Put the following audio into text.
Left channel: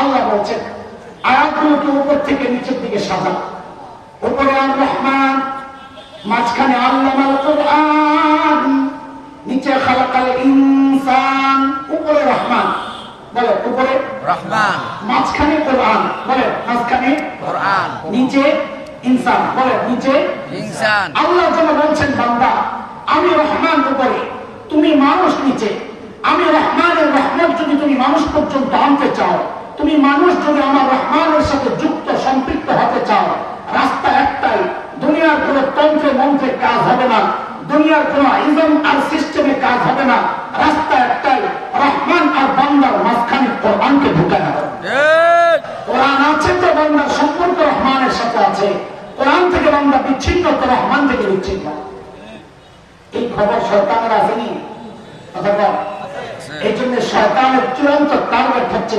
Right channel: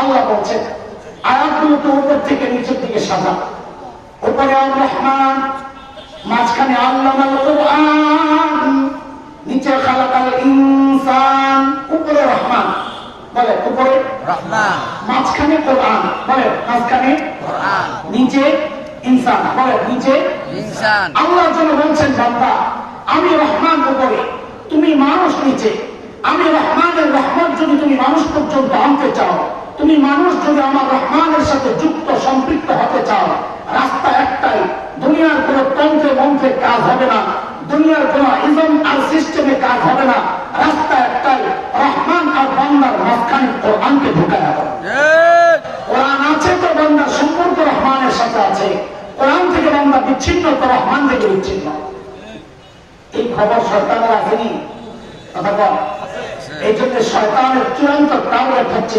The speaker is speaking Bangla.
আল্লাহ বলছেন আয়াতগুলোকে উপর থেকে নিচের দিকে সাজা। উপরে আর রহমান, মাঝখানে আল্লামাল কুরআন, নিচে খালাকাল ইনসান। উপরে রহমান বলে উপরে রহমান, মাঝখানে কোরআন বলে মাঝখানে কোরআন, নিচে ইনসান বলে নিচে ইনসান। আল্লাহ যেন বলছেন বান্দা আমি রহমান উপরে, তুমি মানুষ নিচে। আমি রহমানের রহমত যদি তুমি মানুষ পর্যন্ত আনতে চাও, তুমি মানুষ যদি আমার রহমানের সাথে যুক্ত সম্পৃক্ত হতে চাও, রাস্তা একটাই, দুনিয়ার কোন তন্ত্রে মন্ত্রে কাজ হবে না, দুনিয়ার কোন ইজম আর সিস্টেমে কাজ হবে না। রাস্তা একটাই, রহমান আর বান্দার মাঝখানে কোরআনকে ঢুকায় দাও। কোরআন আছে তো বান্দার সম্পর্ক রহমানের সাথে আছে, কোরআন থেকে বান্দা বিচ্ছিন্ন তো রহমান থেকে বিচ্ছিন্ন। এই খবর শয়তানের আসেনি, এই জন্য শয়তানের চূড়ান্ত টার্গেট হচ্ছে